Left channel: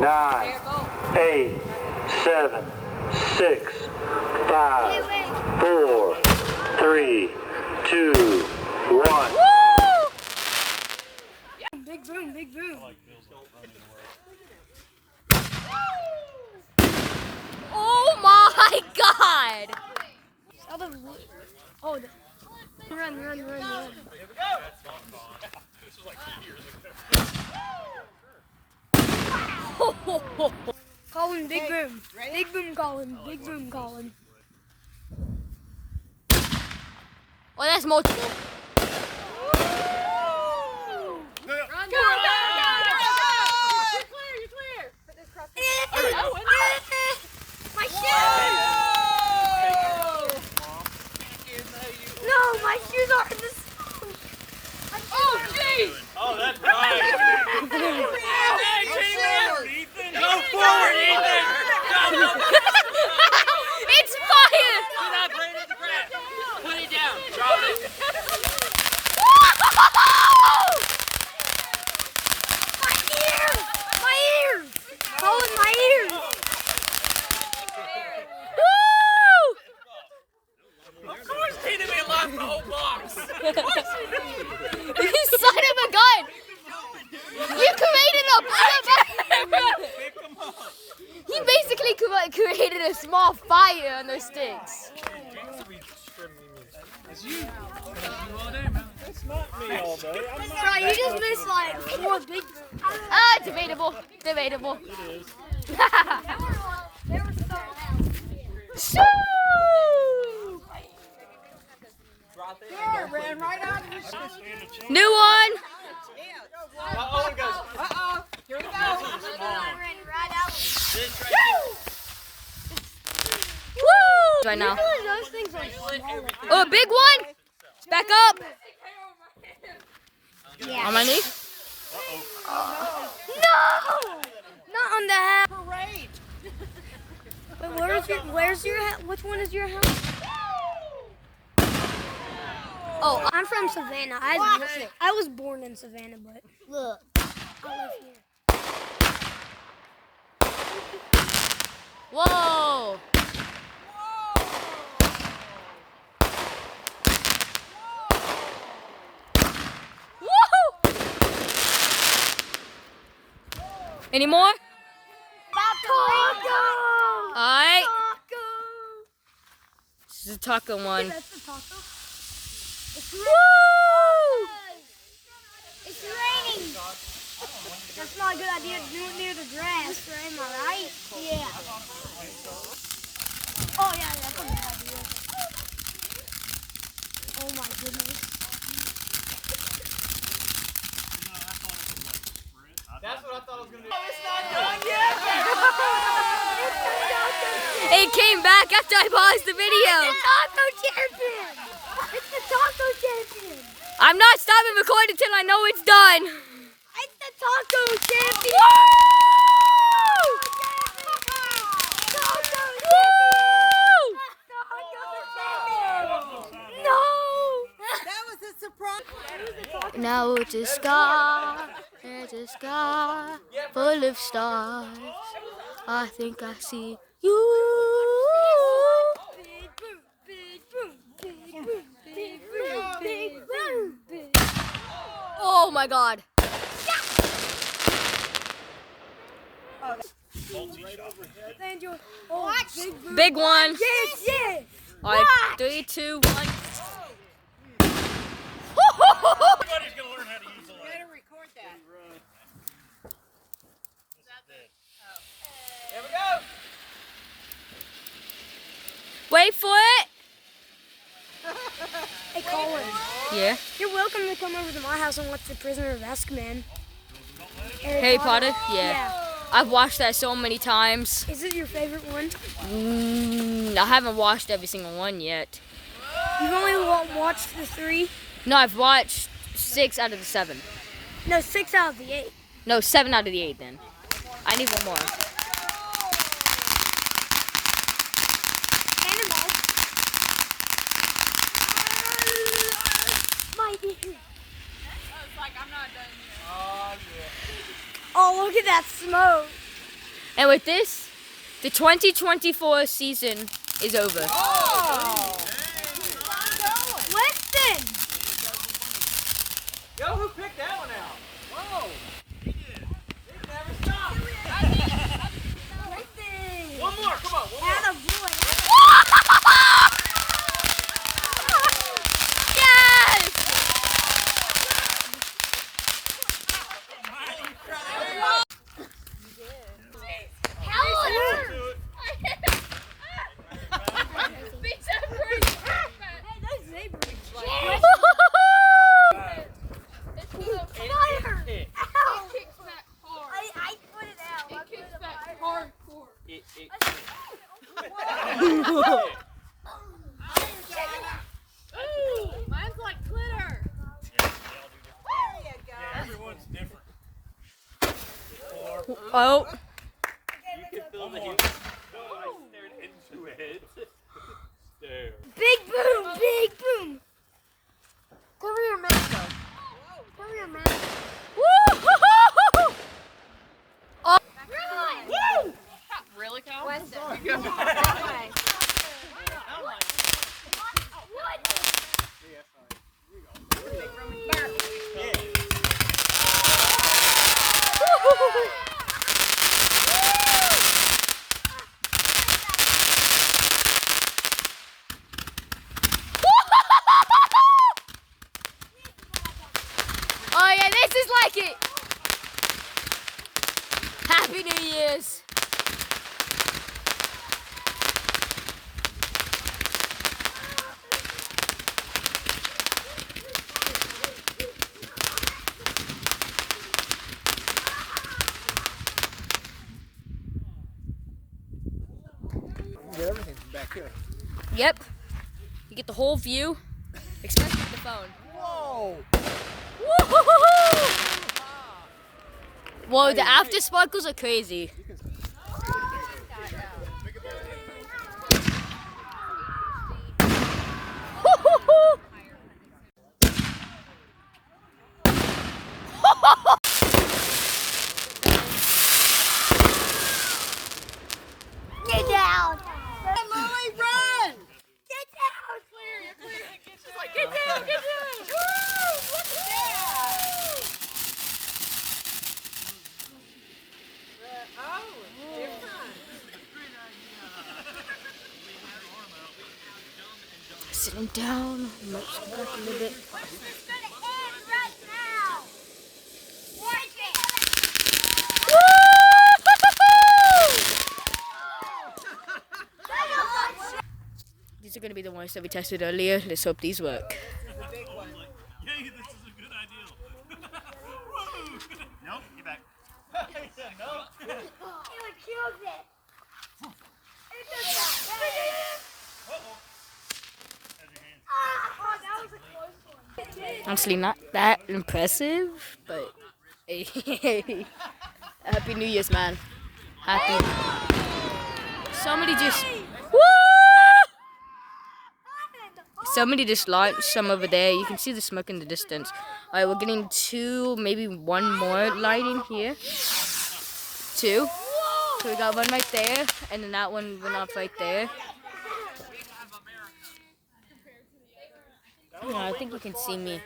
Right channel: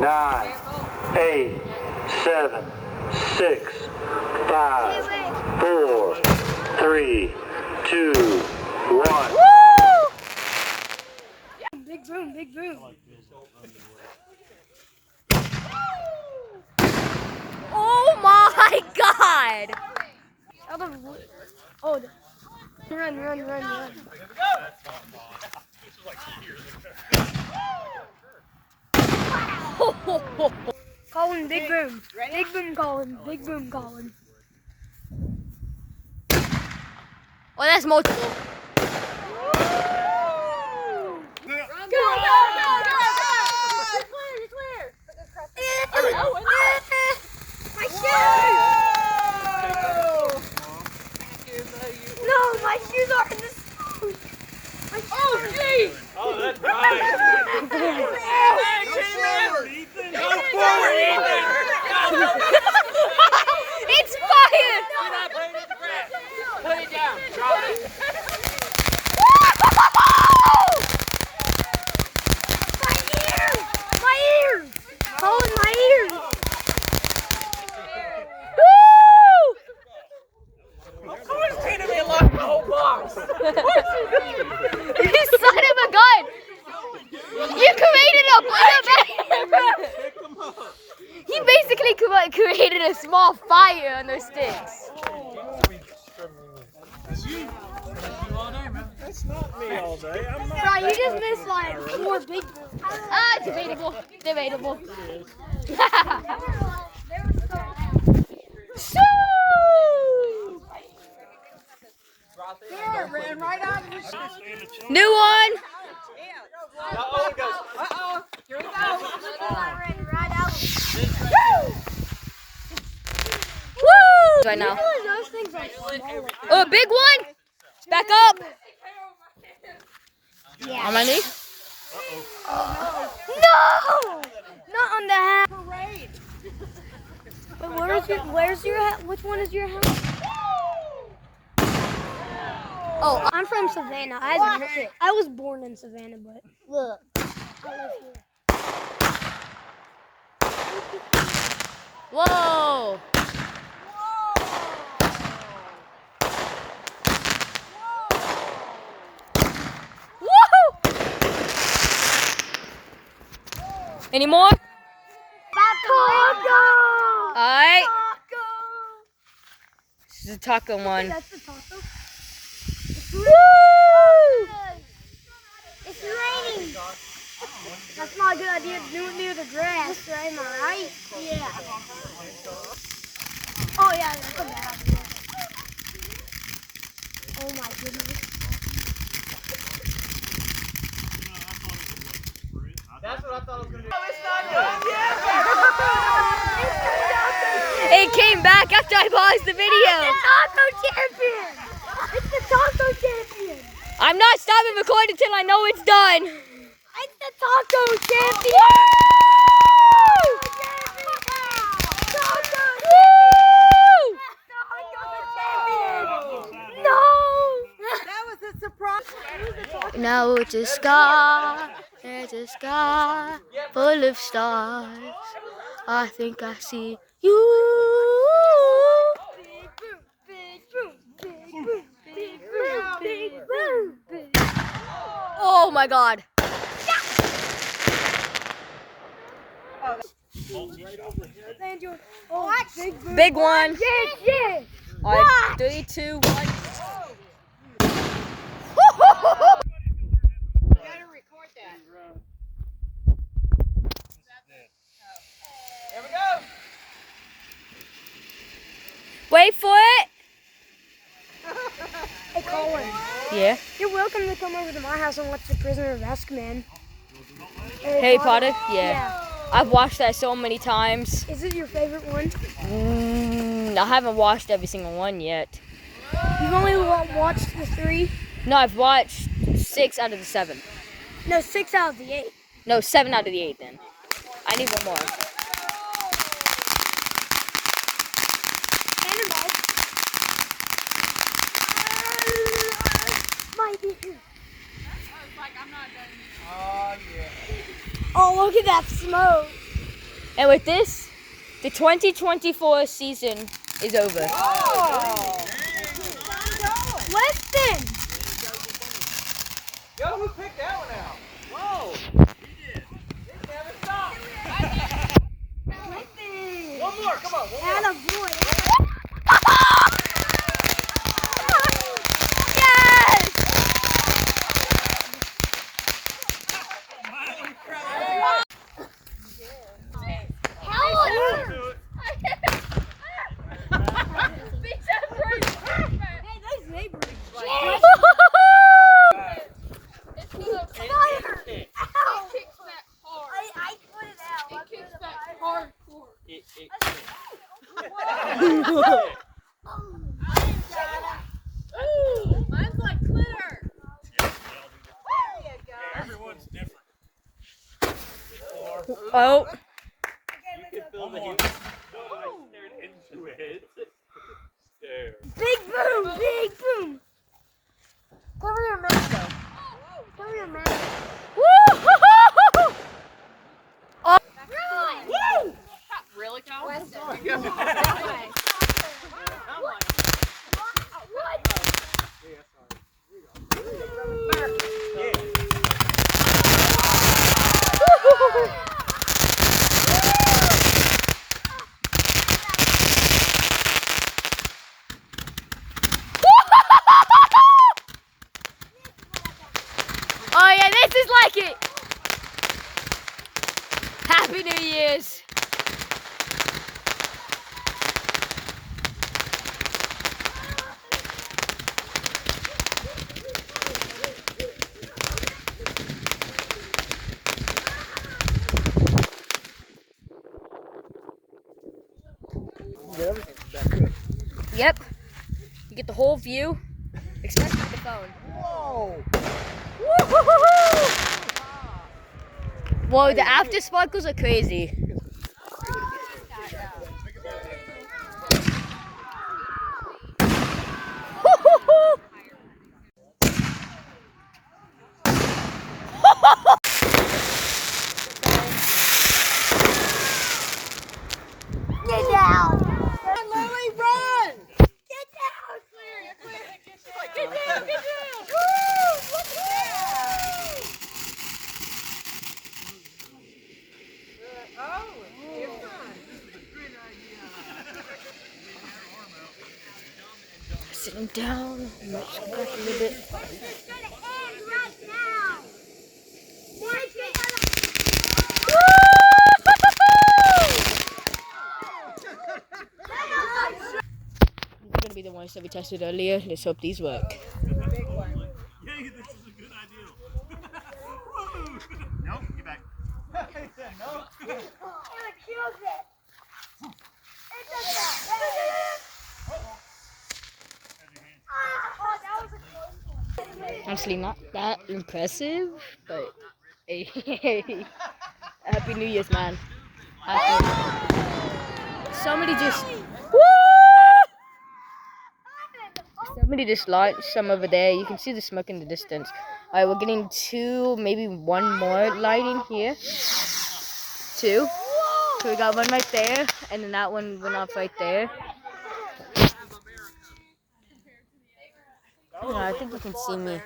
9, 8, 7, 6, 5, 4, 3, 2, 1. Big boom, big boom. Oh my God! Oh, run. Colin, big boom. Big boom, Colin. Big boom, Colin. Oh, that's multiple. My shoes! No, my shoes are in the snow. Oh, that's nice. Go forward, Ethan! It's fire! You're not playing with the grass. Put it down. Drop it. My ears! Colin, my ears! Of course, Tina may lock the whole box. You son of a gun! You created He basically created a small fire on those sticks. It's not me all day. I'm not. No, you just missed like 4 big booms. Debatable. Debatable. New one. Woo! Right now. Oh, a big one. Back up. On my knee. No! Not on the hat. Wait, where's your hat? Which one is your hat? Oh, I'm from Savannah. I was born in Savannah, but look, I live here. Whoa. Woo! Any more? Taco! All right. Taco! This is a taco one. That's the taco. Woo! It's raining. That's not a good idea to do it near the grass, am I right? Yeah. Oh yeah, that's a bad idea. Oh my goodness. That's what I thought I was going to do. It came back after I paused the video. Taco champion! It's the taco champion! I'm not stopping recording until I know it's done. It's the taco champion! Taco champion! No! That was a surprise. Now it's a sky full of stars. I think I see you. Oh my God. Big one. Yes! All right, 3, 2, 1. Everybody's going to learn how to use that. Better record that. Here we go. Wait for it. Hey, Colin. Yeah. You're welcome to come over to my house and watch The Prisoner of Azkaban. Harry Potter? Yeah. I've watched that so many times. Is it your favorite one? I haven't watched every single one yet. You've only watched the 3? No, I've watched 6 out of the 7. No, 6 out of the 8. No, 7 out of the 8 then. I need one more. Cannonball. My ear. Oh, yeah. Oh, look at that smoke. And with this, the 2024 season is over. Winston! Yo, who picked that one out? Whoa. Never stop. One more, come on. One more. Atta boy. Yes! I put it out. I put it Mine's like glitter. Everyone's different. Oh, You can feel the heat. Oh, I stared into it. There. Big boom! Big boom! Cover your mouth though. Cover your mouth. woo! Really, Kyle? Oh yeah, this is like it. Happy New Year's. Yep. You get the whole view, especially the phone. Woo-hoo-hoo-hoo! Whoa, the after sparkles are crazy. Woo-hoo-hoo! Get down! Lily, run! Get down! You're clear. Get down! Get down! Woo! Sit him down. Might step back a little bit. It's gonna end right now. Watch it. These are gonna be the ones that we tested earlier. Let's hope these work. Yay, this is a good idea. Woo! Nope, get back. No. It kills it. It does that. Oh, that was a close one. Honestly, not that impressive, but hey, Happy New Year's, man. Happy. Somebody just. Woo! Somebody just launched some over there. You can see the smoke in the distance. Alright, we're getting two, maybe one more line in here. Two. So we got one right there, and then that one went off right there. Yeah, I think you can see me.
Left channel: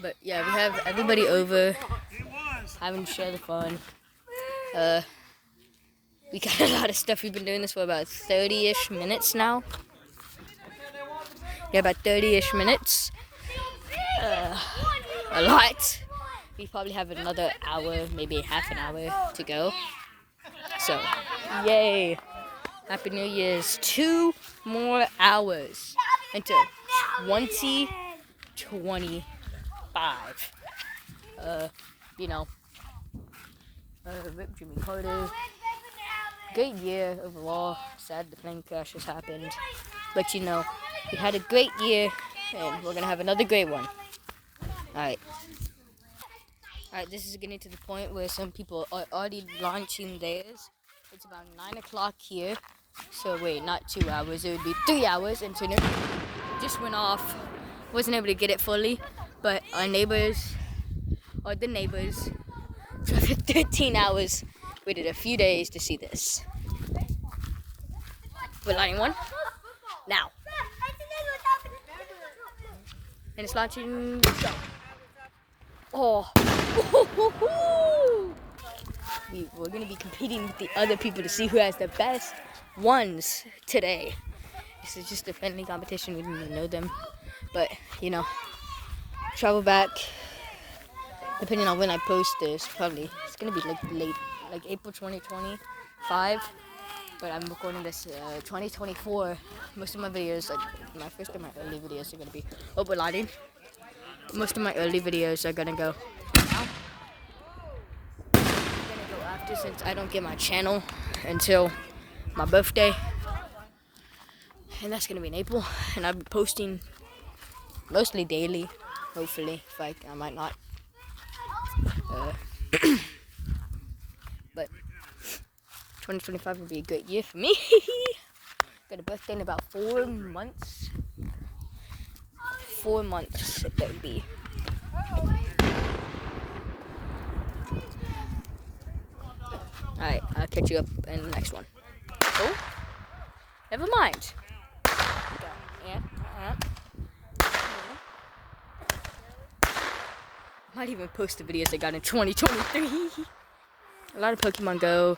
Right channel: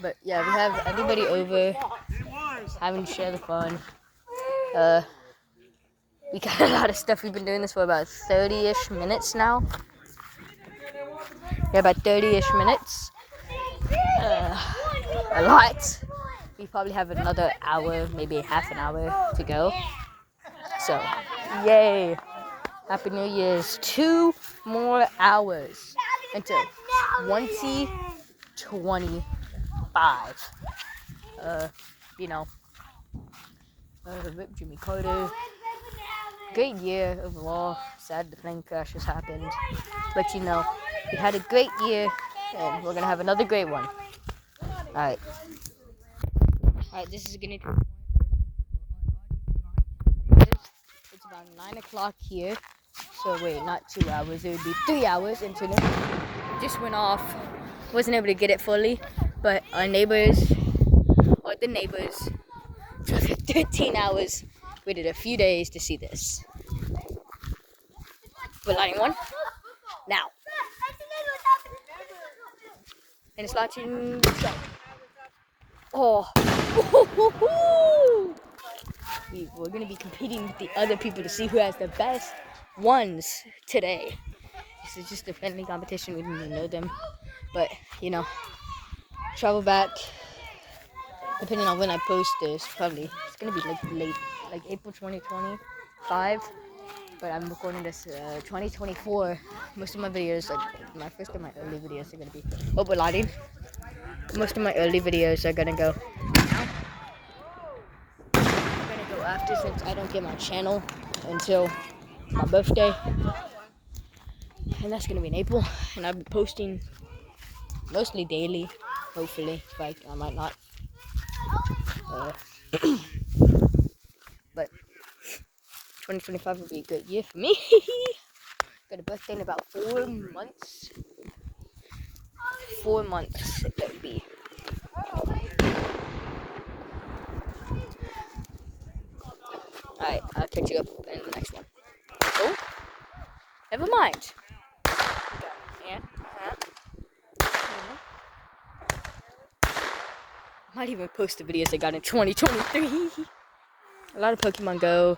But yeah, we have everybody over having share the fun. We got a lot of stuff. We've been doing this for about 30-ish minutes now. Yeah, about 30-ish minutes. A lot. We probably have another hour, maybe half an hour to go. So, yay. Happy New Year's. 2 more hours until 2025. Rip Jimmy Carter. Great year overall. Sad the plane crash has happened. But we had a great year and we're gonna have another great one. Alright, this is getting to the point where some people are already launching theirs. It's about 9 o'clock here. So wait, not 2 hours, it would be 3 hours and so just went off. Wasn't able to get it fully, but the neighbors, for like 13 hours waited a few days to see this. We're lighting one now. And it's launching. Go. Oh. We're gonna be competing with the other people to see who has the best ones today. This is just a friendly competition. We don't even know them, but you know, travel back. Depending on when I post this, probably it's gonna be like late, like April 2025. But I'm recording this 2024. Most of my videos, like my first and my early videos, are gonna be. Oh, we're lighting. Most of my early videos are gonna go now. I'm gonna go after, since I don't get my channel until my birthday, and that's gonna be in April. And I'll be posting mostly daily, hopefully. In fact, I might not. But 2025 will be a great year for me. Got a birthday in about 4 months. 4 months that would be. Alright, I'll catch you up in the next one. Oh, never mind. I might even post the videos I got in 2023. A lot of Pokemon Go,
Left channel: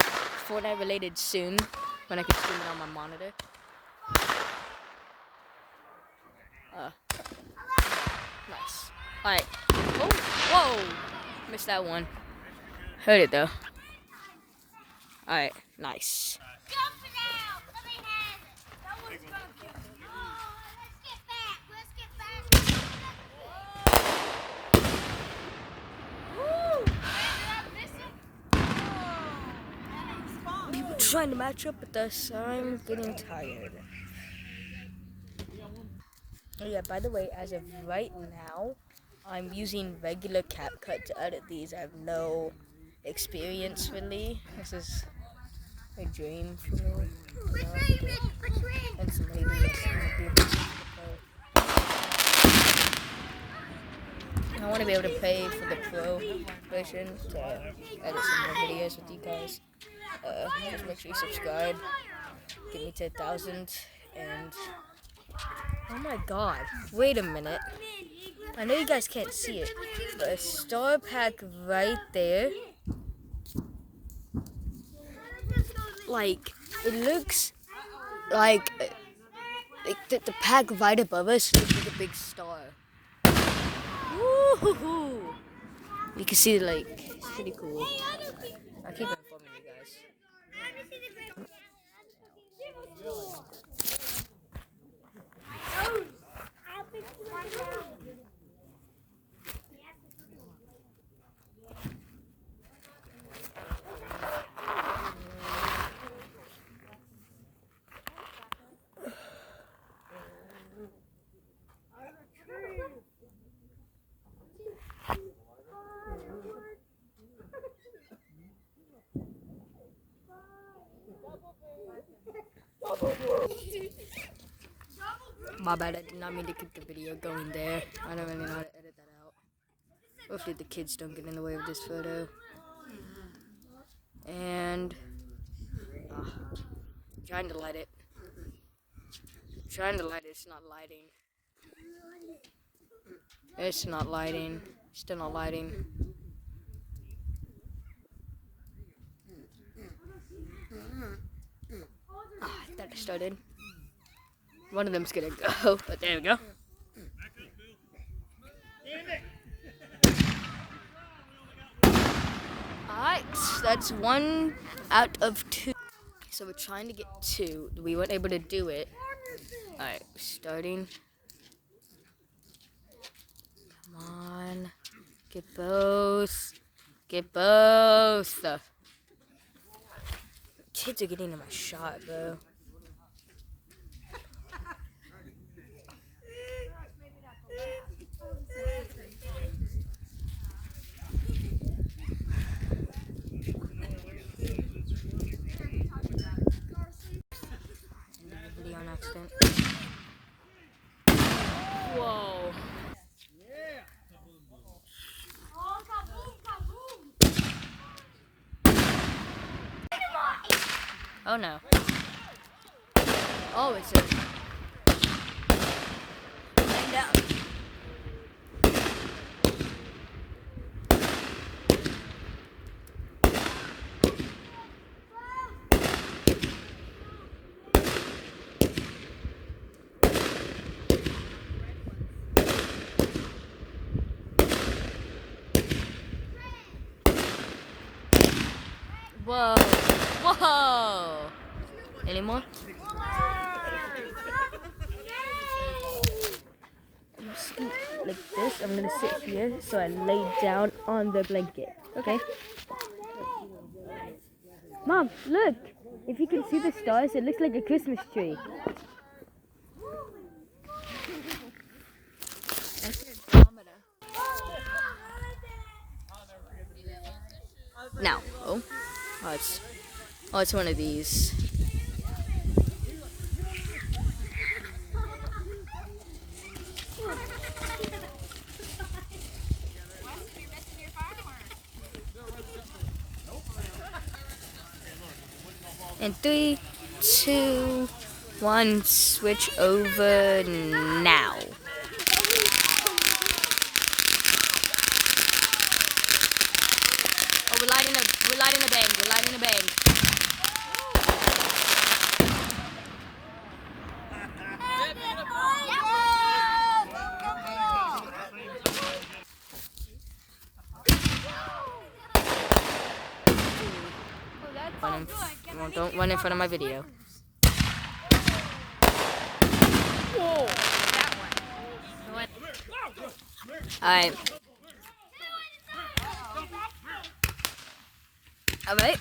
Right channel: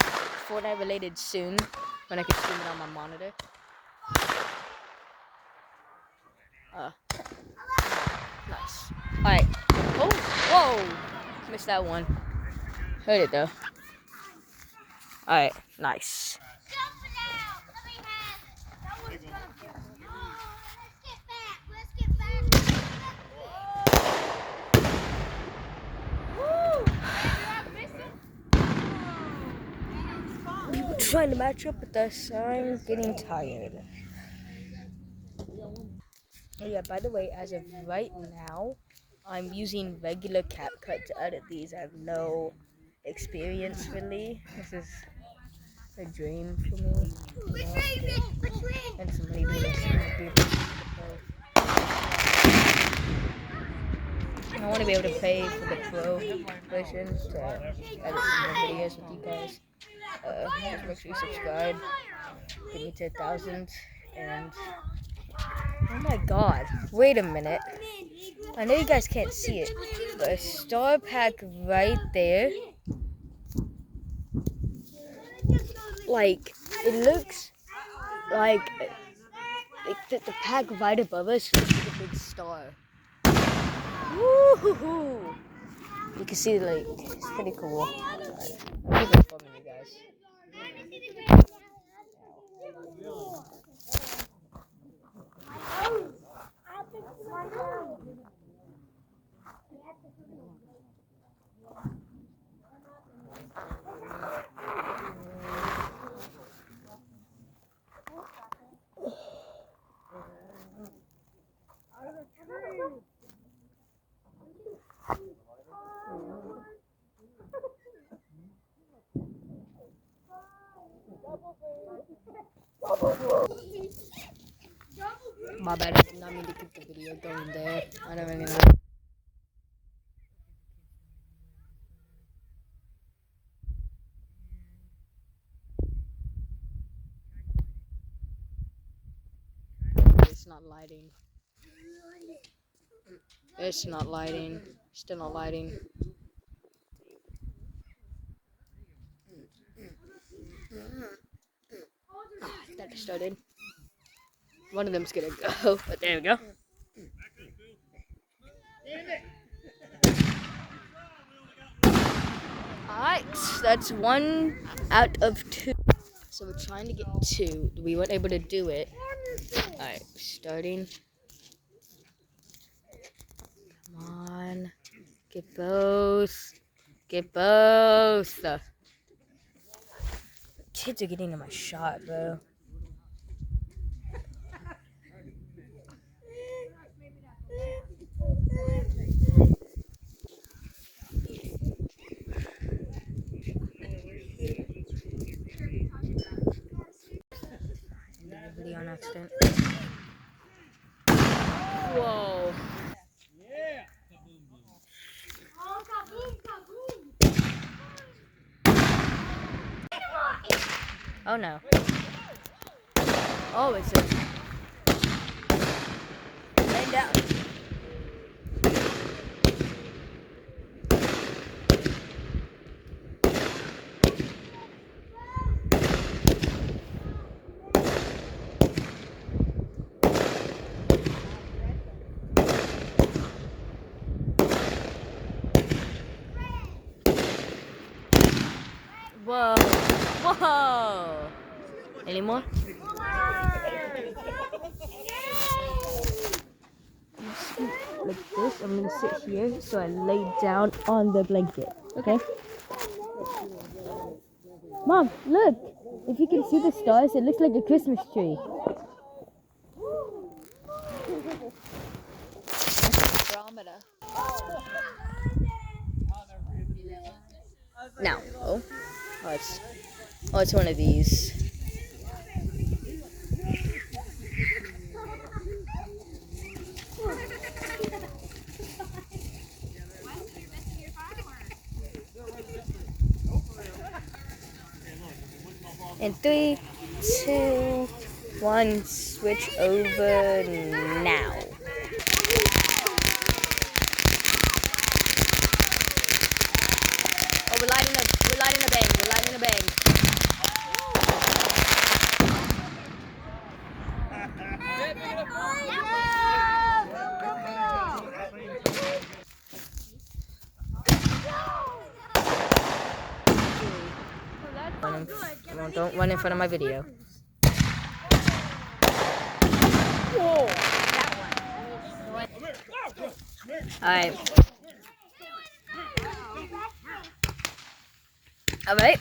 Fortnite related soon, when I can stream it on my monitor. Nice. Alright. Oh, whoa! Missed that one. Heard it though. Alright, nice. People trying to match up with us. I'm getting tired. Oh yeah, by the way, as of right now, I'm using regular CapCut to edit these. I have no experience really. This is a dream for me. You know, and somebody do this. I want to be able to pay for the pro version to edit some more videos with you guys. Just make sure you subscribe. Get me to 1,000. And oh my god, wait a minute. I know you guys can't see it, but a star pack right there. Like, it looks like the pack right above us looks like a big star. Woo-hoo-hoo. You can see, like, it's pretty cool. I'll keep informing you guys. My bad, I did not mean to keep the video going there. I don't really know how to edit that out. Hopefully the kids don't get in the way of this photo. And trying to light it. It's not lighting. It's not lighting. Still not lighting. I thought it started. One of them's gonna go, but there we go. Alright, that's 1 out of 2. So we're trying to get 2. We weren't able to do it. Alright, starting. Come on. Get both. Get both. Kids are getting in my shot, bro. Video on accident. Whoa. Oh no. Oh, it's a laying down. Whoa. Whoa. Any more? I'm gonna scoot like this. I'm gonna sit here so I lay down on the blanket. Okay? Mom, look. If you can see the stars, it looks like a Christmas tree. Now, it's one of these. And 3, 2, 1, switch over now. Oh, we're lighting a bang. We're lighting a bang. Don't run in front of my video. Whoa. Alright. Alright.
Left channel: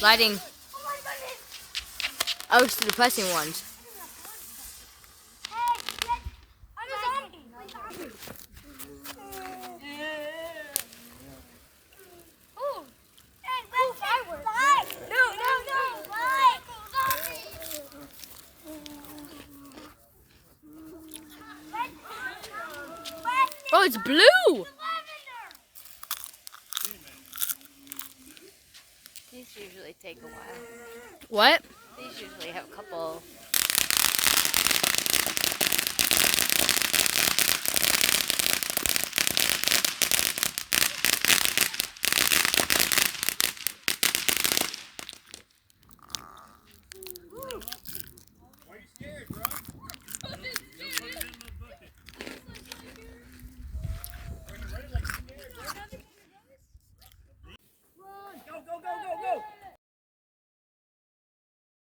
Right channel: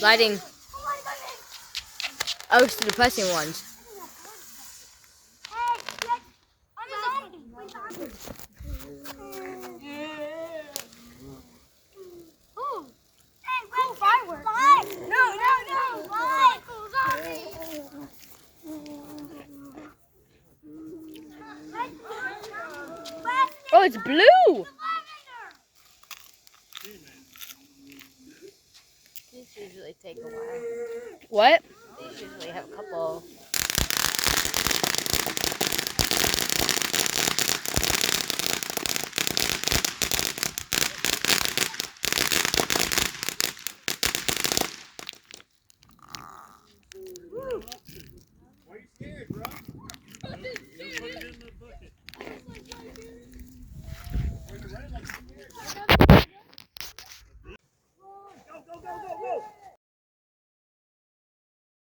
Lighting. Oh, it's the depressing ones. Oh, it's blue! These usually take a while. What? These usually have a couple.